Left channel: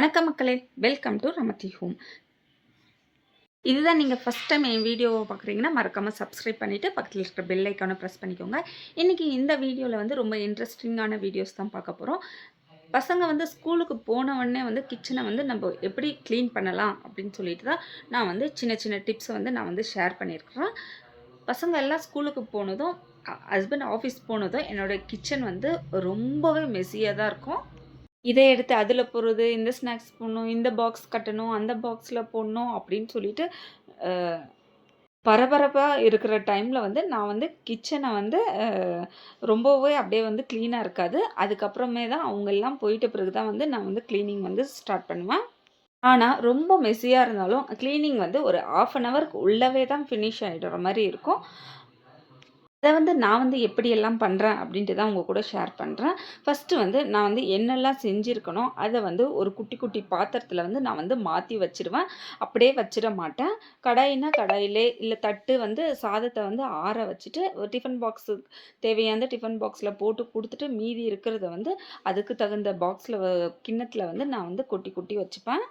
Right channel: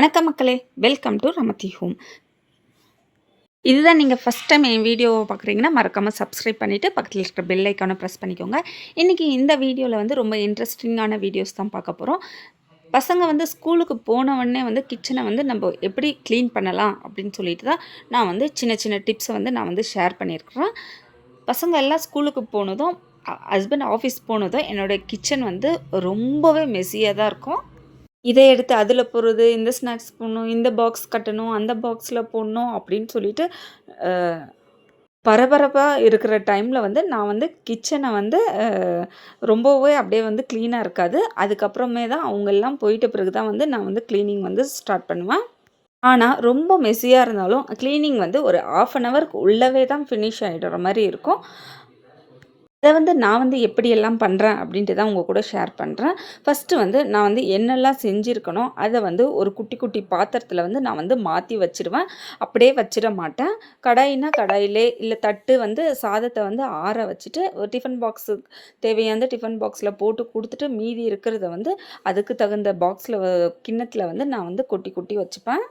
வணக்கம் மக்களே, welcome to ரமதி home. இதுதான் நீங்கள் ஃபஸ்ட் டைம் என் வீடியோவை பார்க்குறீங்கன்னா மறக்காமல் சப்ஸ்கிரைப் பண்ணிவிட்டு பக்கத்தில் இருக்கிற பெல் ஐக்கானை ப்ரெஸ் பண்ணிக்கோங்க. இன்றைக்கி இந்த வீடியோவில் வந்து ரொம்ப இன்ட்ரெஸ்டிங்கான வீடியோஸ் தான் பார்க்க போகிறோம். பசங்க வந்து ஸ்கூலுக்கு போனவொடனே வந்து கிச்சனை வந்து நம்ம எப்படி க்ளீன் பண்ணலாம் அப்படின்னு சொல்லிட்டு தான் நான் வந்து சின்ன சின்ன டிப்ஸை வந்து நான் வந்து ஷேர் பண்ணியிருக்கிறேன். பசங்க எல்லாம் ஸ்கூலுக்கு போனதும் ஹஸ்பண்ட் ஆஃபீஸ் போனதும் என்னோடய கிச்சன் வந்து ரொம்பவே மெஸ்ஸியாக தான் இருக்கும். இதை எடுத்து அதில் போடுறது, இந்த ஸ்நாக்ஸ் போடணும், இந்த பாக்ஸ் கட்டணும், அந்த பாக்ஸில் போடணும் அப்படின்னு சொல்லிட்டு பரபரப்பாக இருக்கிற டைமில் வந்து நான் வந்து கிச்சனை வந்து ரொம்பவே அப்படியே வந்து க்ளீனாக இருக்காது. அதுக்கப்புறமே தான் அவங்கெல்லாம் போயிட்ட பிறகு தான் வந்து நான் வந்து க்ளீனிங் வந்து ஸ்டார்ட் பண்ணுவேன். ஆனால் ரொம்ப மெஸ்ஸியாக இருந்தாலும் க்ளீனிங் வந்து ஒரு 1/2 அன் ஹவருக்கு உள்ளவே தான் ஃபினிஷ் ஆகிடுற மாதிரி இருக்கும். அதை வந்து நான் வந்து எப்படியெல்லாம் பண்ணுறேன் அப்படின்ட்டு தான் உங்கள் கூட ஷேர் பண்ணுறேன். ஃபஸ்ட்டு வந்து நான் வந்து என்னெல்லாம் செஞ்சுருக்கணும் அதை வந்து ஒரு குட்டி குட்டி பாத்திரத்தில் வந்து நான் வந்து மாற்றி வச்சுருவேன். அப்படியே வச்சிட மாட்டேன். கடாயினா கடாயிலே இல்லை தட்டு வந்து சாதத்தை வந்து ஆற வச்சுட்டு ஒரு டிஃபன் பாக்ஸு தேவையான டிஃபன் பாக்ஸில் போட்டு கொடுத்துட்டு மீதி இருக்கிறத வந்து அதுக்கு தகுந்த பாக்ஸில் கிண்ணத்தில் வந்து நான் வந்து கொட்டி கொட்டி வச்சுப்பேன்.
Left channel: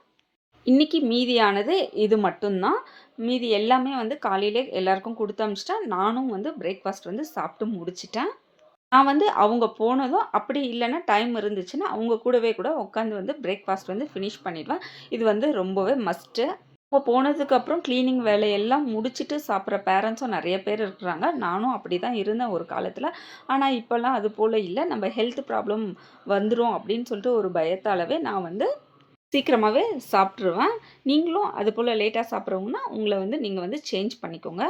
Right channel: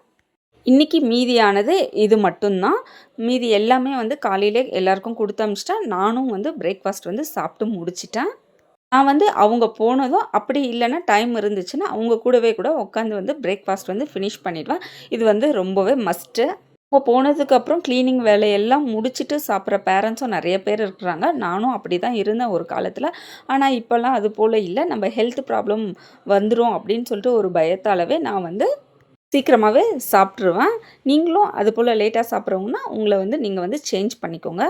இன்றைக்கி மீதியானது இது மட்டும்தான். மீதி எல்லாமே வந்து காலையிலே எல்லாருக்கும் கொடுத்து அனுப்பிச்சிட்டேன். நானும் வந்து பிரேக்ஃபாஸ்ட் வந்து சாப்பிட்டு முடிச்சிட்டேன். நான் வந்து அவங்க போனதும் அப்படி இல்லைன்னா டைம் இருந்துச்சுன்னா அவங்க கூடவே கூட உட்காந்து வந்து பிரேக்ஃபாஸ்ட் வந்து ஃபினிஷ் பண்ணிடுவேன். இது வந்து ரொம்பவே மஸ்ட்டு. அவங்க போனதுக்கப்புறம் க்ளீனிங் வேலையெல்லாம் முடிச்சுட்டு சாப்பிட்ற பேரண்ட்ஸும் நிறைய பேர் இருக்கிறாங்க. நானும் அப்படி தான் இருந்தேன் ஒரு காலத்தில். ஆனால் இப்போல்லாம் அது போல் இல்லை. நம்ம ஹெல்த் ப்ராப்ளம் வந்துடும் அப்படின்னு சொல்லிட்டு ஒரு பயத்தாலவே நான் வந்து சீக்கிரமாகவே சாப்பிட்ருவேன். நீங்களும் அதுபோல் லேட்டாக சாப்பிட்றவங்கன்னா உங்களை வந்து நீங்கள் வந்து சேஞ்ச் பண்ணிக்கோங்க.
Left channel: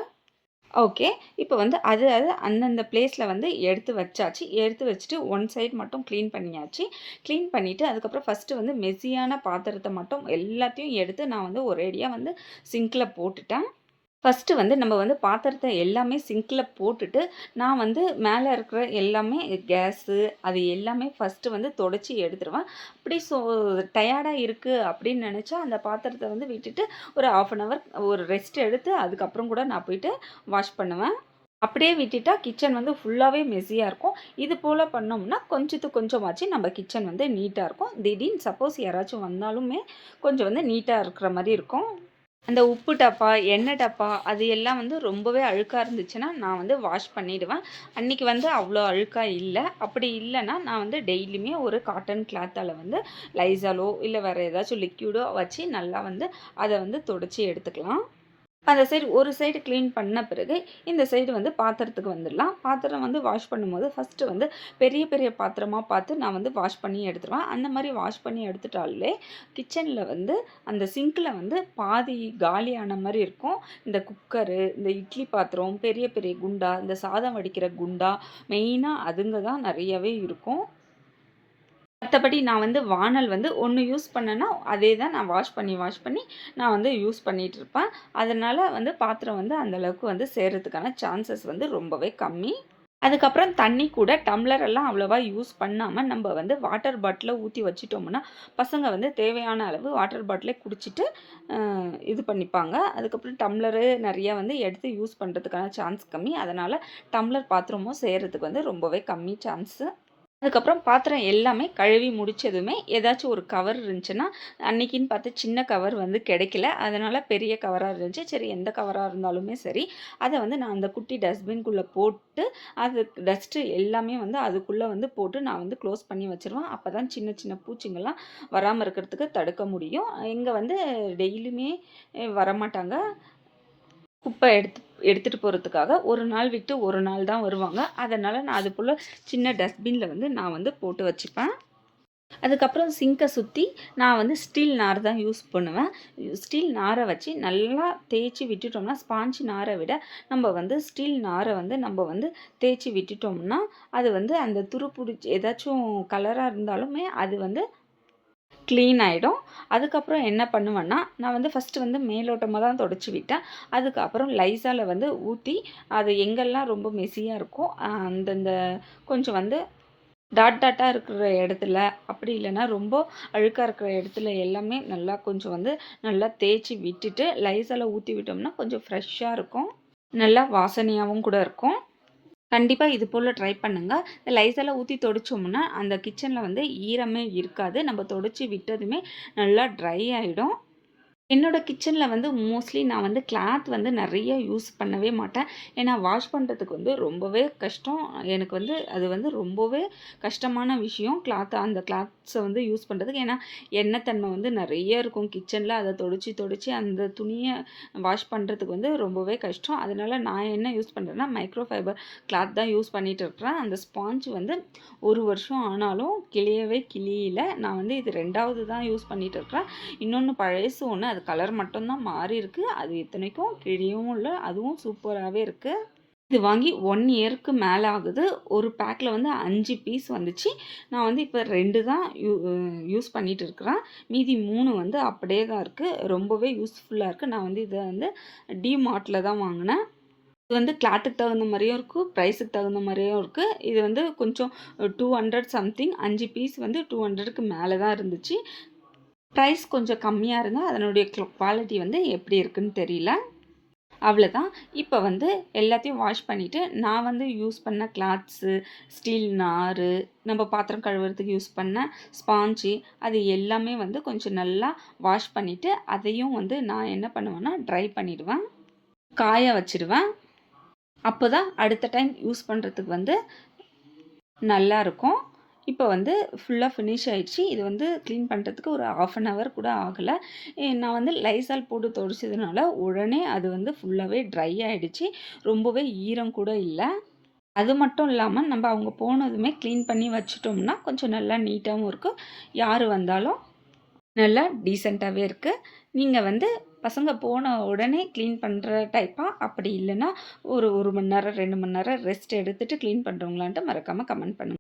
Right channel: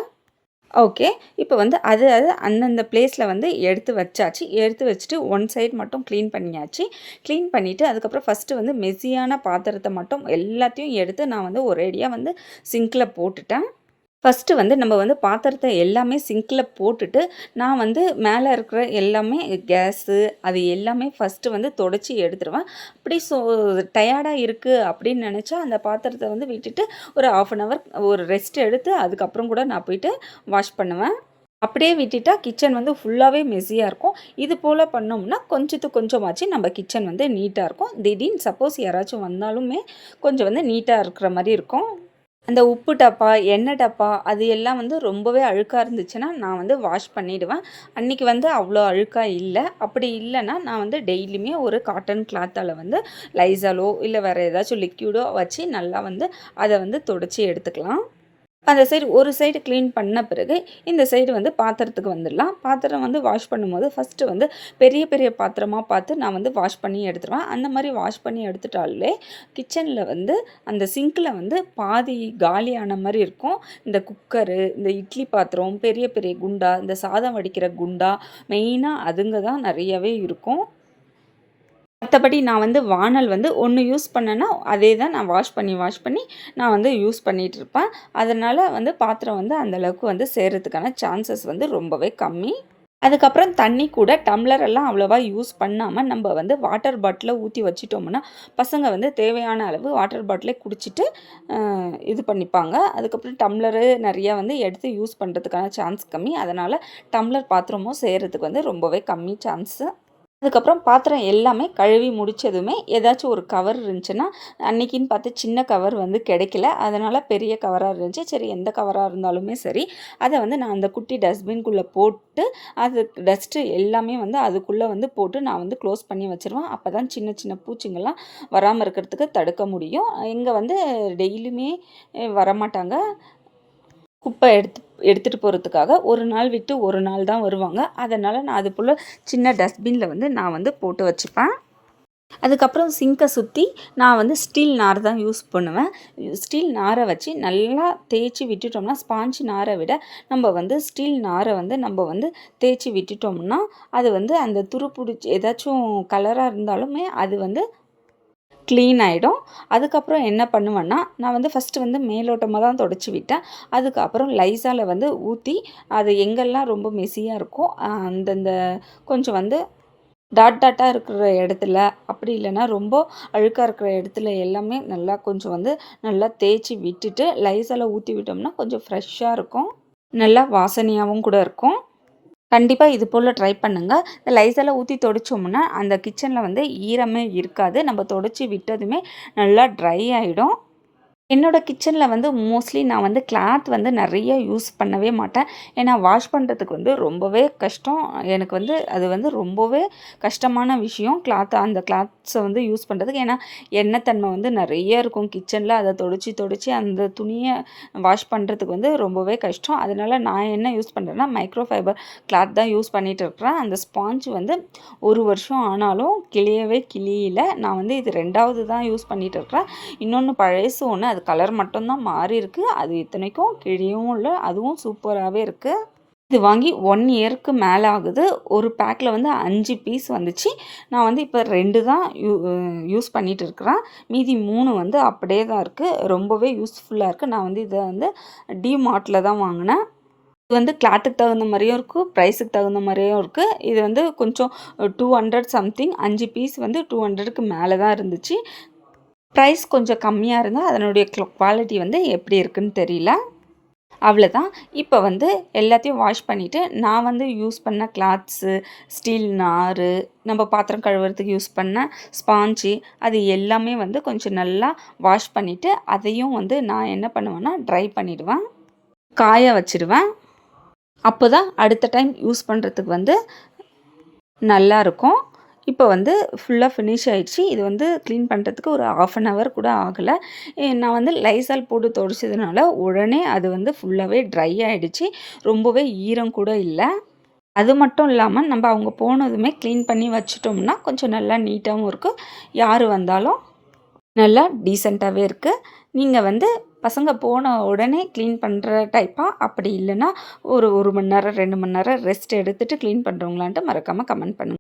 ஓகே. இப்போ வந்து அது அந்தந்த பிளேஸில் வந்து எடுத்து வச்சாச்சு. எடுத்து வச்சுட்டு ஒன் சைடு மட்டும் க்ளீன் பண்ணியாச்சு. க்ளீன் பண்ணிவிட்டு அதுக்கப்புறம் ஃபஸ்ட்டு வந்து மெஸ்ஸியான பாத்திரத்தை மட்டும் எல்லாத்தையும் எடுத்து நான் வந்து ஒரேடியாக வந்து சிங்க்கில் போட்டுட்டேன். ஃபஸ்ட்டு வந்து நம்ம வந்து பாத்திரத்தை எல்லாமே சிங்க்கில் போட்டுட்டு நான் வந்து மேலே இருக்கிற எல்லாமே கேஸு அது எல்லாமே ஃபஸ்ட்டு வந்து தொடச்சி எடுத்துருவேன். அப்படி டயர்டாக இருக்குது அப்படின்னு நினச்சா அந்த பாத்திரத்தை வந்து விட்டுட்டு ஒரு 1/2 அன் ஹவர் ஒரு ரெஸ்ட் எடுத்து அதுக்கப்புறம் கூட நான் போயிட்டு வாஷ் பண்ணுவேன். அப்படியே விட்டுட்டா கிச்சன் வந்து ஃபுல்லாகவே மெஸ்ஸியாக இருக்கும். இது போல் பண்ணோம்னா கொஞ்சத்துக்கு கொஞ்சமாச்சு நம்ம கிச்சன் வந்து நீட்டாக இருக்கும். திடீர்னு சப்போஸ் யாராச்சும் வந்தாலுமே கொஞ்சம் வந்து நீட்டாக இருக்கிற மாதிரி இருக்கும். அந்த உப்பு டப்பா, எண்ணெய் டப்பா அது எல்லாம் வந்து ரொம்பவே அழுக்காக இருந்துச்சுன்னா நான் வந்து வாஷ் பண்ணிவிடுவேன். அன்றைக்கி வந்து அவ்வளோ அழுக்காக இல்லை. அப்படி இல்லைன்னா நான் வந்து டெய்லியுமே ஒரு காட்டன் கிளாத்தால் வந்து லைசாலோ இல்லை வேறு ஏதாச்சும் லிக்யூடோ வச்சு நல்லா வந்து அதை வந்து துடைச்சி எடுத்துக்கலாம். அந்த சைடு ஒரு சைடு க்ளீன் பண்ண பிறகு இந்த சைடு வந்து பாத்திரத்துக்கு வந்துடலாம். பாத்திரம் வந்து வாஷ் பண்ணும்போது ஃபஸ்ட்டு வந்து பெரிய பெரிய பாத்திரமாக பார்த்து நான் வந்து வாஷ் பண்ணி எடுத்துருவேன். அந்த மாதிரி வாஷ் பண்ணி எடுத்துட்டாலே கிச்சனில் வந்து அந்த சிங்கில் வந்து பாதி காலியான மாதிரி இருக்கும். இந்த குக்கரு, இந்த இட்லி பாத்திரம், பெரிய பெரிய குண்டா, இந்த சாதம் வடிக்கிற குண்டா மெயினாக அதுங்க தான் நிறையவே இருக்கும். மற்றபடி நான் வந்து வானல் வந்து ஒன்று யூஸ் பண்ணேன்னா அதே தான் நான் வாஷ் பண்ணி நான் வந்து யூஸ் பண்ணிகிட்ருப்பேன். அதனால் வந்து பாத்திரம் வந்து அந்தளவுக்கு வந்து சேர்கிறதுக்கான சான்சஸ் வந்து ரொம்பவே கம்மி. அதுக்கப்புறம் தண்ணி கூட டம்ளர் எல்லாம் அவ்வளோவா யூஸ் பண்ணாமல் நம்ம வந்து வாட்டர் பாட்டிலை ஊற்றி வச்சிட்டோம்னா பசங்க வந்து தேவையான அளவு வாட்டர் பாட்டிலே குடிச்சிட்டு இது பண்ணிப்பாங்க. அதுக்கப்புறம் டம்ளரு நிறையா வந்து எடுத்து யூஸ் பண்ணுறதுக்கான சான்ஸ் கம்மி. அதனால் டம்ளர் பாத்திரமும் செய்கிறதுக்கு வந்து ரொம்பவே கம்மி சான்ஸு. அதுக்கப்புறம் பாத்திரம் எல்லாமே கழுவி முடித்ததுமே ஏதாச்சும் ஒரு கவர் இருந்துச்சுன்னா அன்றைக்கின்னு பார்த்து சின்ன கவர் வந்து கிடைக்கல. அதனால் பெரிய கவராக இருந்துச்சு. சரி எந்த கவராக இருந்தாலுமே சரி அதை வந்து நான் அந்த குட்டி டஸ்ட்பின்குள்ளே போட்டு அது டஸ்ட்டு எல்லாமே வந்து அதுக்குள்ளே வந்து போட்டு நான் வந்து க்ளோஸ் பண்ணி வச்சுருவேன். அப்போ தான் சின்ன சின்ன பூச்சிங்கள்லாம் வராமல் இருக்கிறதுக்கு தடுக்க முடியும். இங்கே வந்து டெய்லியுமே வரமாட்டாங்க. குப்பை எடுத்துகிட்டு போகிறதுக்காக ஒரு நாள் விட்டு ஒரு நாள் தான் வருவாங்க. அதனால் நான் அது போல் சின்ன டஸ்ட்பினில் வந்து நான் வந்து போட்டு வச்சுப்பேன். அதுக்கப்புறம் சிங்கை சுற்றி நான் வந்து ஸ்டீல் நார் தான் யூஸ் பண்ணுவேன். ஸ்டீல் நாரை வச்சு நல்லா தேய்ச்சி விட்டுட்டோம்னா ஸ்பாஞ்ச் நாரை விட நம்ம வந்து ஸ்டீல் நாரை வந்து நம்ம வந்து தேய்ச்சி விட்டுட்டோம்னா அது வந்து அந்த துரு பிடிச்சி ஏதாச்சும் கலராக இருந்தாலுமே அது வந்து க்ளீன் ஆகிடும். அதுக்கப்புறம் என்ன பண்ணுவேன்னா நான் வந்து ஃபஸ்ட்டு வந்து மேலோட்டமாக தான் தொடச்சி விட்டேன். அதுக்கப்புறம் லைசாலை வந்து ஊற்றி அது எங்கெல்லாம் ரொம்ப மெஸ்ஸியாக இருக்கோ அந்தந்த கொஞ்சம் வந்து டாட்டாக இருக்கிற இடத்துல அப்படி இல்லைன்னா ரொம்ப அழுக்காக இருக்கிற இடத்துல எல்லாமே நல்லா கொஞ்சம் வந்து நல்லா தேய்ச்சி விட்டுட்டு லைசாலை ஊற்றி விட்டோம்னா கொஞ்சம் ஃப்ரெஷ்ஷாக இருக்கும். நல்லா வாசனையாகவும் கூட இருக்கும். கண்டிப்பா இது போல ட்ரை பண்ணுங்க. இந்த லைசால ஊத்தி தொடச்சோம்னா, அந்த கிச்சன்ல வந்து ஈரமே இருக்காது. நம்ம தொடச்சு விட்டதுமே நல்லா ட்ரை ஆயிடும். என்னோட கிச்சன்ல வந்து மோஸ்ட்லி நான் வந்து கிளாத் வந்து நெறைய யூஸ் பண்ணவே மாட்டேன். ஏன்னா வாஷ் பண்றதுக்கு வந்து ரொம்பவே கஷ்டம். எனக்கு வந்து அது வந்து ரொம்பவே கஷ்டமான விஷயம். அந்த கிளாத்ஸ வந்து யூஸ் பண்றதுக்கு. ஏன்னா எண்ணெய் தன்மை வந்து நெறைய இருக்கும் கிச்சன்ல. அத தொடச்சு தொடச்சு அந்த துணிய வாஷ் பண்றதுக்கு வந்து ரொம்பவே கஷ்டம். அதனால நான் என்ன யூஸ் பண்றேன்னா, மைக்ரோ ஃபைபர் கிளாத் தான் யூஸ் பண்ணிட்டு இருக்கிறேன். அந்த ஸ்பாஞ்ச் வந்து 1 வருஷம் ஆனாலும் கிழியவே கிழியல. நான் வந்து இது 2வது தான் யூஸ் பண்ணிட்டு இருக்கிறேன். இன்னொன்னு பழசு ஒண்ணு. அது கலர் மட்டும் தான் மாறியிருக்கு. அது இத்தனைக்கும் கிழியவும் இல்ல. அதுவும் சூப்பராவே இருக்கு. இது வாங்கி 1 இயருக்கு மேல ஆகுது. ஒரு பேக்ல வந்து 5 பீஸ் வந்துச்சு. நான் வந்து இப்ப 2 தான் யூஸ் பண்ணிட்டு இருக்கிறேன். மீதி 3 வந்து அப்படியே தான் இருக்கு. ரொம்பவே யூஸ்ஃபுல்லா இருக்கு. நான் வந்து இத வந்து டிமார்ட்ல தான் வாங்குனேன். இது வந்து கிளாத்துக்கு தகுந்த மாரியும் இருக்கு. பிரைஸுக்கு தகுந்த மாரியும் இருக்கு. இது வந்து கொஞ்சம் 200 சம்திங் 5 பீஸ் வந்து 200க்கு மேல தான் இருந்துச்சு. ப்ரைஸ் கொஞ்சம் கம்மியா இருந்தா, அதனுடைய குவாலிட்டி வந்து எப்படி இருக்குன்னு தெரியல. அவ்வளதான். இப்ப வந்து எல்லாத்தையும் வாஷ் பண்ணிட்டு, நான் வந்து யூஸ் பண்ண கிளாத்ஸு, ஸ்டீல் நாரு, நம்ம பாத்திரம் கழுவுறதுக்கு யூஸ் பண்ண ஸ்பாஞ்சு, அது எல்லாமே வந்து கொஞ்சம் நல்லா வாஷ் பண்ணிட்டு, அதையும் வந்து நான் என்ன பண்ணுவேன்னா, ட்ரை பண்ணிடுவேன். காய வச்சுருவேன். அப்போதான் அடுத்த டைம் யூஸ் பண்றதுக்கு வந்து நல்லாருக்கும். இப்போ வந்து ஃபுல்லா ஃபினிஷ் ஆயிடுச்சு. இது வந்து கிளீன் பண்ணுறதுக்கு ஒரு 1/2 அன் ஹவர் கூட ஆகல. நான் வந்து லைசால் போட்டு துடைச்சதுனால உடனே அது வந்து ஃபுல்லாவே ட்ரை ஆயிடுச்சு. ரொம்பவே ஈரம் கூட இல்ல. அது மட்டும் இல்லாம நம்ம அவங்க போனதுமே கிளீன் பண்ணி வச்சுட்டோம்னா, கொஞ்சம் நல்லா நீட்டாவும் இருக்கும். யாரு வந்தாலும் நல்லா டீசென்ட்டாவே இருக்கு. நீங்க வந்து பசங்க போன உடனே கிளீன் பண்ற டைப்பா? அப்படி இல்லன்னா ஒரு 1 மணி நேரம், 2 மணி நேரம் ரெஸ்ட் எடுத்துட்டு கிளீன் பண்றவங்களான்ட்டு மறக்காம கமெண்ட் பண்ணுங்க.